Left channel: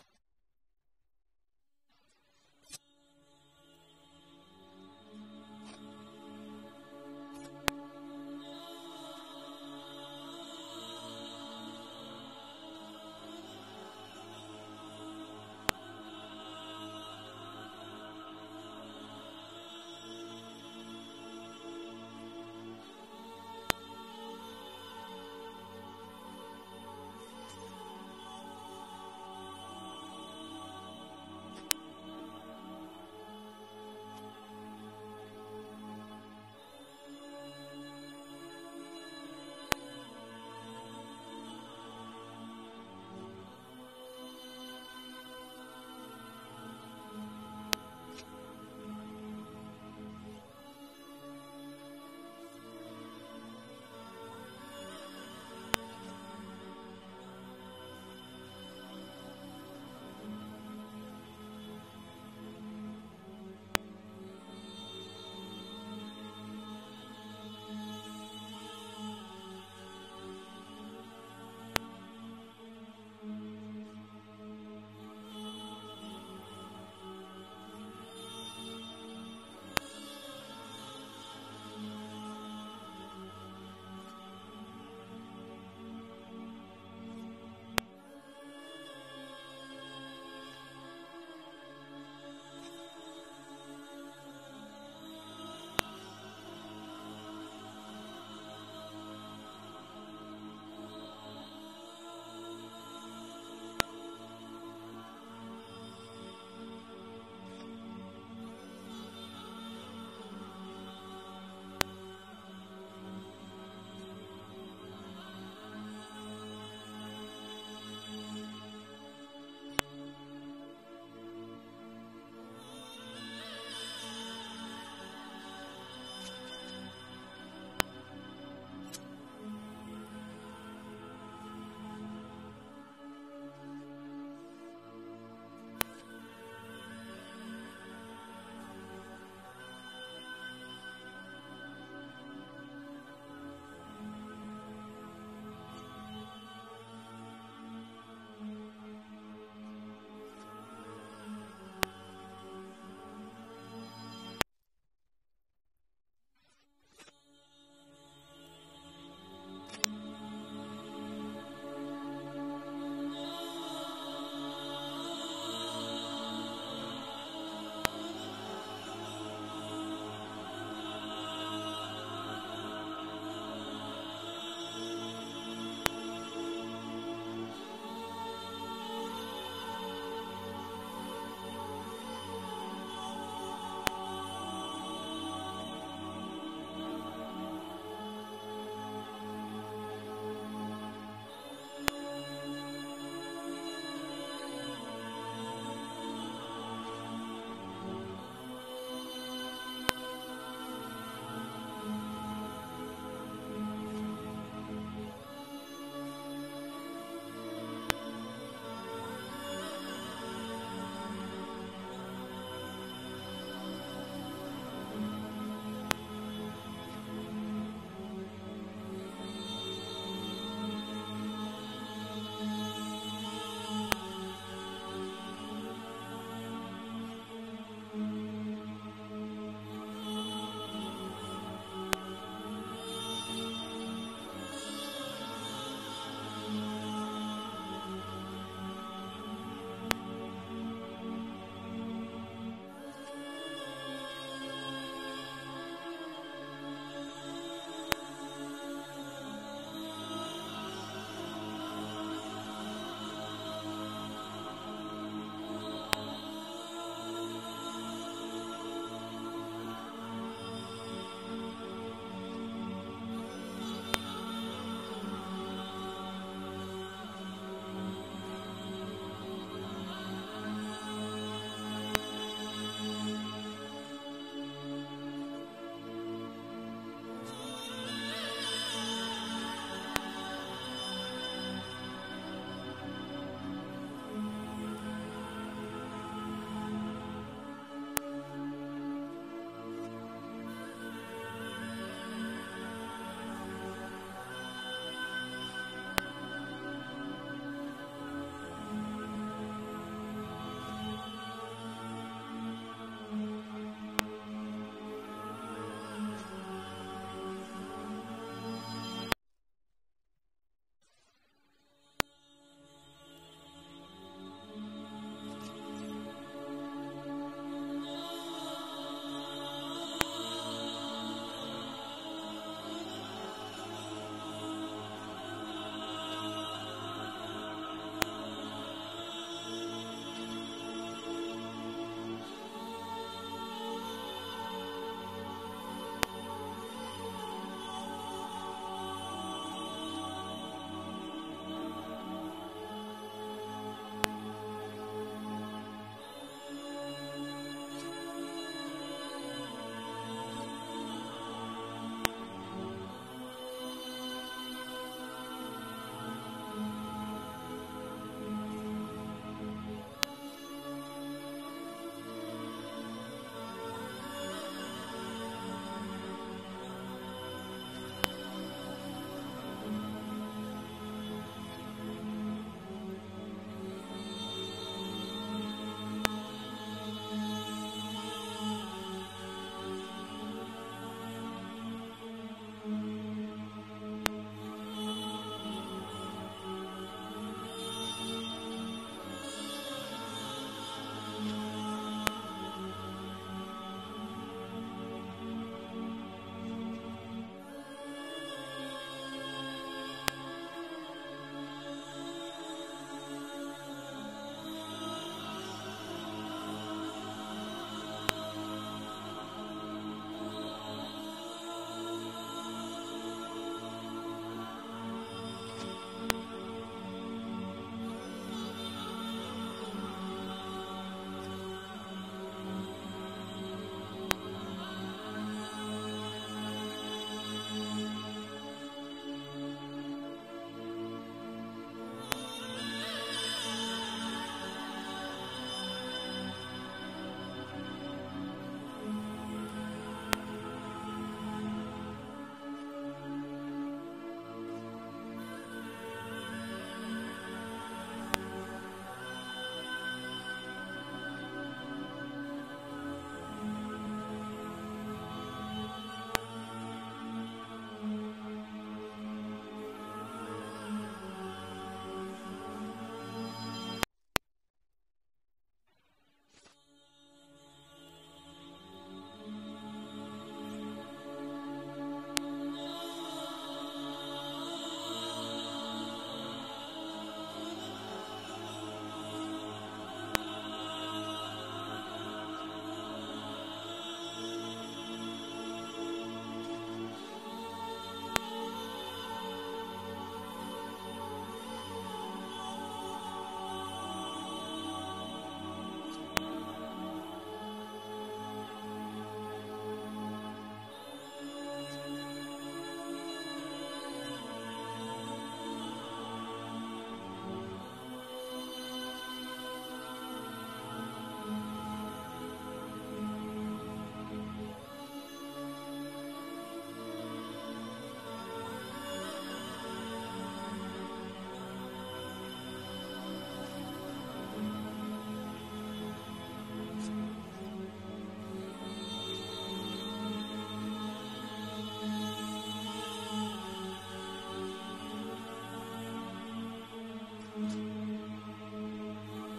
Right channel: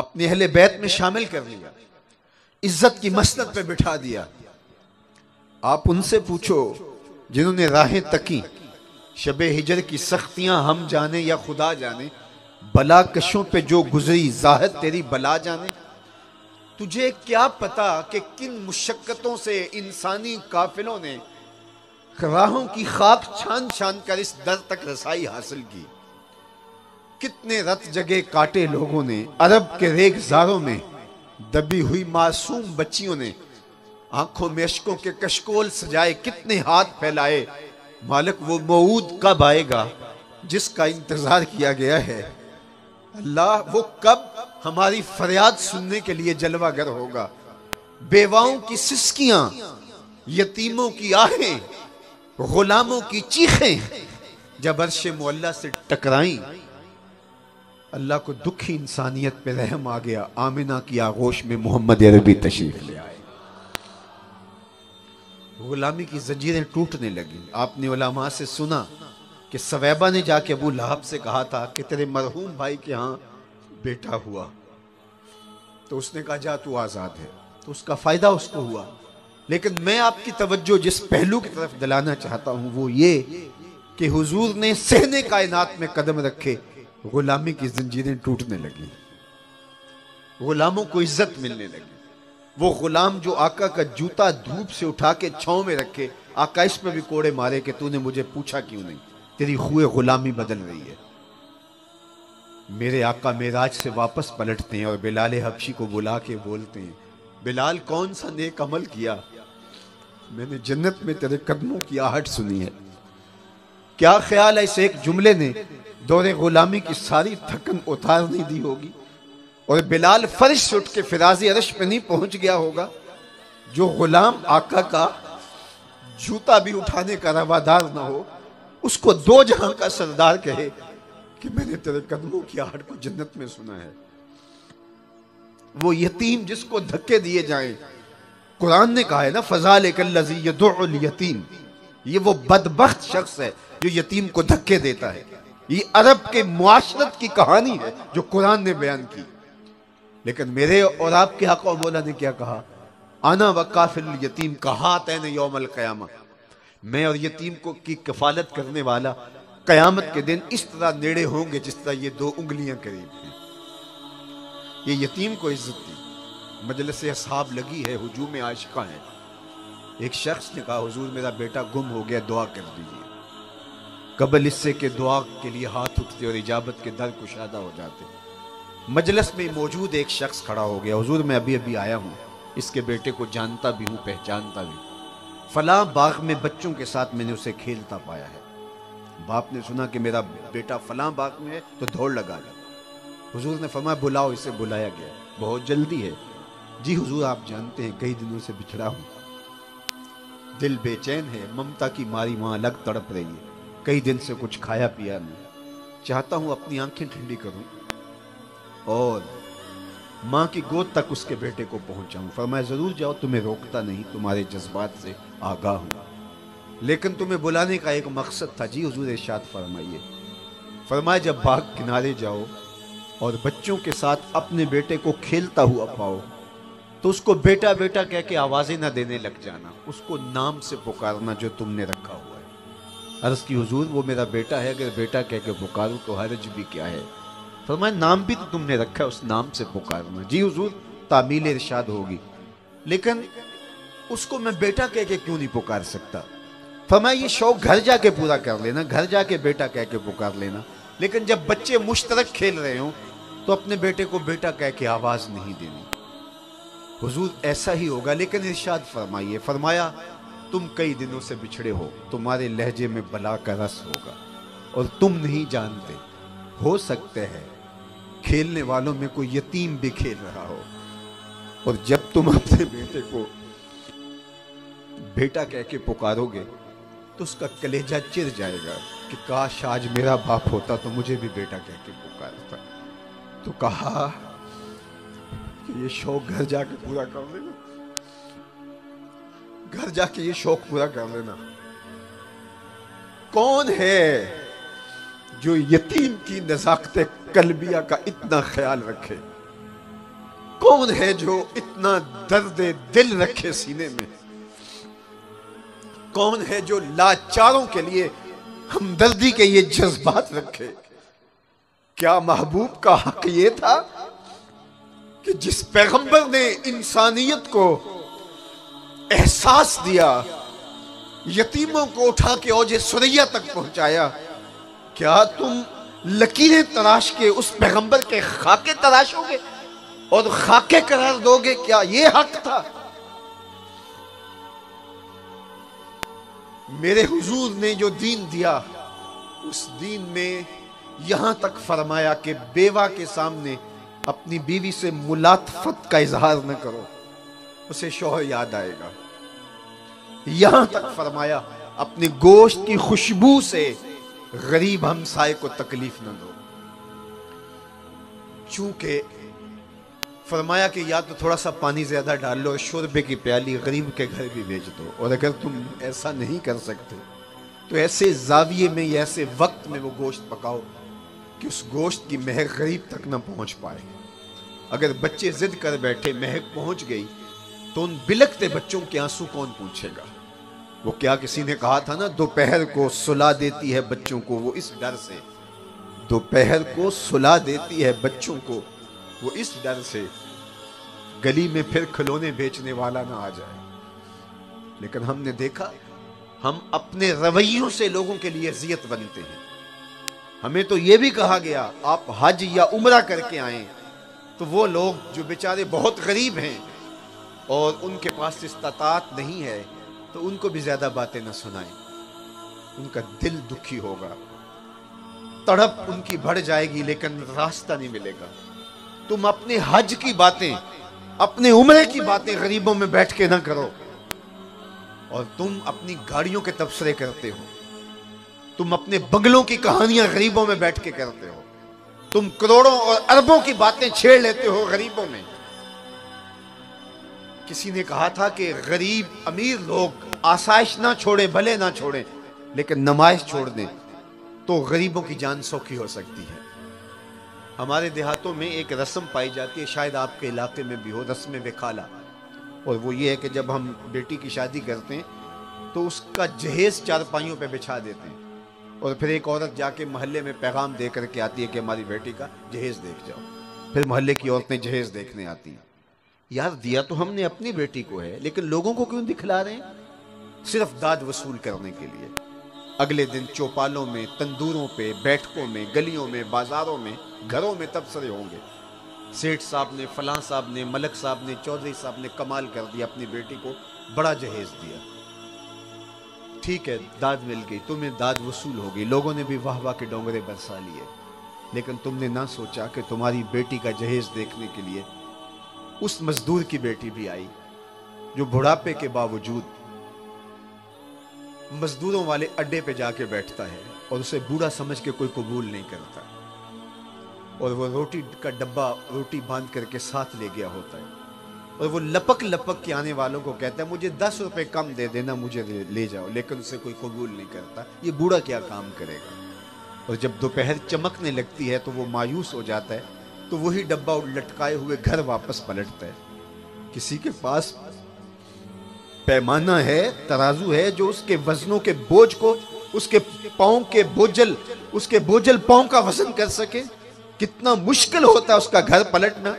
अपने अहले बैत में शामिल कर लिया, इज्जत की मसनद पे बिठा दिया। आप उनसे पूछो जिन्होंने राहें तकी, शबे हिजर की सख्तियां हम जाने या खुदा जाने, बला कशों पे जो गुजरी जाहिद तेरी बला जाने। तुझे क्या पता कि किन मुशक्कतों से इंसानी काफिलों ने राहों की खाक छान छान कर इस दर तक रसाई हासिल की। कितने रत जगह काटे लोगों ने अरब के रेगजारों में, दबी हुई मासूम बच्चियों ने आंखों में अश्कों के कशकोल सजाए। कितने हाथ फैलाए, मालिक वो मऊद कब आएगा जिसका इंतजार किया गया है। अल्लाह वो कब हमारी फरियाद सुनने के लिए जलवागर होगा। बेवाओं की सिसकियां, यतीमों की आहें, गुलामों की चीखें जब अर्शे मुअल्ला से टकराई, अल्लाह को दुखी इंसानियत पे रहम आ गया। आमिना की आगोश में मोहम्मद अरबी तशरीफ ले आए। गुलामी की जंजीरें टूटने लगी। आपने उलमा से सुना कि सवैबा ने जाके अबू लहब से कहा था कि तेरे मरहूम भाई के यहाँ बेटा हुआ, तो उसने कहा जा तू आज़ाद है, तो उसका फ़ायदा उसको हुआ। लेकिन मैं आपकी तवज्जो जिस पहलू की तरफ दिलाना चाहता हूँ वो ये कि हुजूर ने सहने कायनात में कदम रखे, गुलामी की जंजीरें टूटने लगी, गुलामों को इज्जत मिलने लगी। वो गुलाम जो आका का जूता धूप से उठा के छांव में रखे, आका इस पे भी कोड़े मारे कि तूने मुझे पूछा क्यों नहीं, तेरी खुए गुलामी बदल रही है। मेरे आका मेराज से वापस पलटते हैं और बिलाल हबशी को बुला के बोलते हैं, बिलाल कौन सा नेक अमल किया, मैंने जन्नत में तेरे कदमों की आहट सुनी है। क्या ख्याल है इस एक जुमले ने दौरे गुलामी की सारी थकन उतार नहीं दी होगी, और बिलाल फर्श से उठ के फिराजी अरश पे नहीं पहुंच गया होगा। जो गुलाम आका का जूता भी उठाने का रवादार ना हो, उसको दो जहां का सरदार कहे कि मैंने तेरे कदमों की आहट को जन्नत में सुना है। वो यतीम जिसको धक्के दिए जाएं, कुरान ने कहा है ना, फज़ालिकल्लज़ी यदुउल यतीम, ये वो बदबख्त शख्स है जो यतीम को धक्के देता है। ये अरब के मुआशरत की कहानी है जो कुरान ने बयान की। लेकिन मेरे और आपके आका मौला ने क्या कहा, आना वकाफिल यतीम कहातैन यौमल क़यामा, मैं और यतीम को की कफालत करने वाला कयामत के दिन इस तरह नेड़े होंगे जिस तरह ये दो उंगलियां करीब हैं। ये यतीम को इज्जत दी। मजलिस अस्हाब लगी है, हुजूम आशिका है। एक शख्स ने कहा, हुजूर मेरा बेटा गुम हो गया, दुआ कर दीजिए। कबल इससे के दुआ के लिए हाथ उठते और इजाबत के दर कुशादा हो जाते। मजलिस में मौजूद एक शख्स खड़ा हो गया, हुजूर मैं अभी अभी आया हूँ, इसके बेटे को जानता भी हूँ, पहचानता भी। फलां बाग में बच्चों के साथ मैंने उसे खेलता पाया है। बाप ने सुना कि मेरा बेटा फलां बाग में है तो दौड़ लगा ली। हुजूर ने फरमाया बुलाओ इसे। बुलाया गया। बहुत जल्दी है जी हुजूर, आप जानते हैं कई दिनों से बिछड़ा हूँ, दिल बेचैन है, ममता की मारी माँ अलग तड़प रही है, कई दिन से कुछ खाया पिया नहीं, चाहता हूँ अपनी आंखें ठंडी करूँ और माँ की गोद तक उसके बेटे को पहुंचाऊं। फरमाया जरूर जाओ, तुम्हें रोकता नहीं, तुम्हारे जज्बात से आगाह हूं, लेकिन तुम्हें बुलाने का एक मकसद था। जी हुजूर इरशाद फरमाइए। फरमाया जब बाग किनारे जाओ और बच्चों के साथ अपने बेटे को खेलता हुआ पाओ तो उसको बेटा बेटा कह के आवाजें ना देने लग जाना, उसको नाम से पुकारना जो तुमने रखा हुआ है। अर्ज की हुजूर वो मेरा बेटा है, अगर बेटा कह के पुकारूं तो हर्ज भी क्या है। फरमाया नाम भी तो तुमने रखा है, उस नाम से पुकारना। जी हुजूर तामील इरशाद होगी, लेकिन उसको मैं बेटा कह के क्यों नहीं पुकार सकता। फरमाया ये शौक घर जाके पूरा कर लेना, घर जाके बेटा कह के पुकार लेना, लेकिन जब बच्चे मुश्तरक खेल रहे हो तो अपने बेटे को बेटा कह के आवाज नहीं देनी। हुजूर ऐसा ही होगा, लेकिन इरशाद फरमाइए। फरमाया तुम कई दिनों से बिछड़े हो, तुम्हारे लहजे में बला का रस होगा और तुम नहीं जानते, हो सकते हैं खेलने वालों में कोई यतीम भी खेल रहा हो, और जब तुम अपने बेटे को बेटा कह के पुकारोगे तो उसका कलेजा चिर जाएगा कि काश आज मेरा बाप होता तो मुझे भी बेटा कह के पुकारता। तो कहा कि ये शौक घर जाके पूरा कर लेना, घर जाके ये शौक पूरा कर लेना। कौन है जो यतीम की नज़ाकत कल्बिया का इतना ख्याल रखे, कौन है जो इतना दर्द दिल रखे सीने में? कौन है जो लाचारों के लिए हमदर्दी के ये जज्बात रखे? क्या महबूब का हक ये था कि जिस पैगंबर ने इंसानियत को एहसास दिया, यतीमों को उठा के औजे सुरैया तक पहुंचाया, क्या तुम लकीरें तराश के उस पैगंबर के खाके तराशोगे और खाके करार दोगे? क्या ये हक था? मेरे हुजूर ने जो दीन दिया, उस दीन में यहां तक फरमाया कि बेवा के सामने अपनी बीवी से मुलातफत का इजहार न करो, उसे शौहर याद आएगा। यहां तक फरमाया अपनी गोश्त की खुशबू से गरीब हमसाए को तकलीफ न दो। चूंकि फरमाया कि या तो थोड़ा सा पानी ज्यादा डाल लो, शोरबे की प्याली गरीब के घर भी भेज दो, और अगर तुम ऐसा नहीं कर सकते तो ऐसे जाविये में या ऐसे वक्त में वो गोश्त पकाओ कि उस गोश्त की महक गरीब तक न पहुंच पाए। अगर बच्चे जिद कर बैठे, महक पहुंच गई, तो उन बिलकते बच्चों के आंसू कौन पूछेगा? वो क्या किसी ने कहा था ना, दोपहर को सुला देती है बच्चों को वो इस डर से, दोपहर को सुला देती है बच्चों को वो इस डर से गली में फिर खिलौने बेचने वाला ना आ जाए। लेकिन हमने देखा, हम अपने रवैयों से लोगों के लिए अजियत बनते हैं। हमें तो यह भी कहा गया आप हज या उम्रा करके आए, तो वो लोग जो बेचारे बहुत गरीब हैं और उनके पास इस्तात नहीं है, तो उनको भी ज्यादा बातें न सुनाएं, उनका दिल दुखी होगा, तड़प उनकी बढ़ जाएगी, लेकिन रास्ता नहीं मिलेगा। तुम अपने हज की बातें, अपने उम्रे की बातें गरीबों में बैठ के ना करो, और तुम अपनी गाड़ियों के तबसरे करते हो, तुम अपने बंगलों की कहानियां गरीबों में बैठ के करते हो, तुम करोड़ों और अरबों की बातें छेड़ लेते हो गरीबों में। किसी ने कहा था कि गरीब अमीर लोग आसाइश ना छोड़े, भले ना छोड़े, लेकिन नमाइश छोड़ दें तो गरीबों की जान सौखी हो सकती है। हमारे देहातों में एक रस्म पाई जाती है, शायद आपके इलाके में भी हो, रस्म वेखाला, और वो ये है कि जब हम बेटी की शादी करते हैं तो उसका जहेज चारपाइयों पे बिछा देते हैं, और फिर एक औरत जाके मोहल्ले में पैगाम दे करके आती है कि हमारी बेटी का जहेज देख जाओ। फिर मोहल्ले की औरतें जहेज देखने आती हैं। यार, दिया तो हमने अपनी बेटी को है, लेकिन लोगों को क्यों दिखला रहे हैं? सिर्फ दाद वसूल करने के लिए। अगले दिन चौपालों में, तंदूरों पे, बैठकों में, गलियों में, बाजारों में, घरों में तबसरे होंगे, सेठ साहब ने, फलां साहब ने, मलक साहब ने, चौधरी साहब ने कमाल कर दिया, अपनी बेटी को बड़ा जहेज दिया। ठीक है, दाद मिल गई, तुम्हें दाद वसूल हो गई, लोगों ने भी वाह वाह के डोंगरे बरसा लिए, लेकिन तुमने ना सोचा कि तुम्हारी बेटी का जहेज देखने के लिए उस मजदूर की बेटी भी आई, जो बुढ़ापे के बावजूद मजदूरों वाले अड्डे पे जाके बैठता है और उसे बूढ़ा समझ के कोई कबूल नहीं करता, और वो रोटी का डब्बा रोटी बांध करके साथ ले गया होता है, और वो लपक लपक के आने वालों को कहता है मुझे 10 रुपए कम दे देना, मुझे ले जाओ, लेकिन उसे कोई कबूल नहीं करता। ये बूढ़ा क्या काम करेगा? और जब दोपहर चमकने लगती है तो वो मायूस हो जाता है, तो वही डब्बा लटकाए हुए घर वापस पलटता है। किसी के पास पैमाना है, तराजू है, जो उसके वजनों के बोझ को, उसके पांव के बोझल पांव का वजन कर सके? कितना मुश्किल होता है उसका घर पलटना।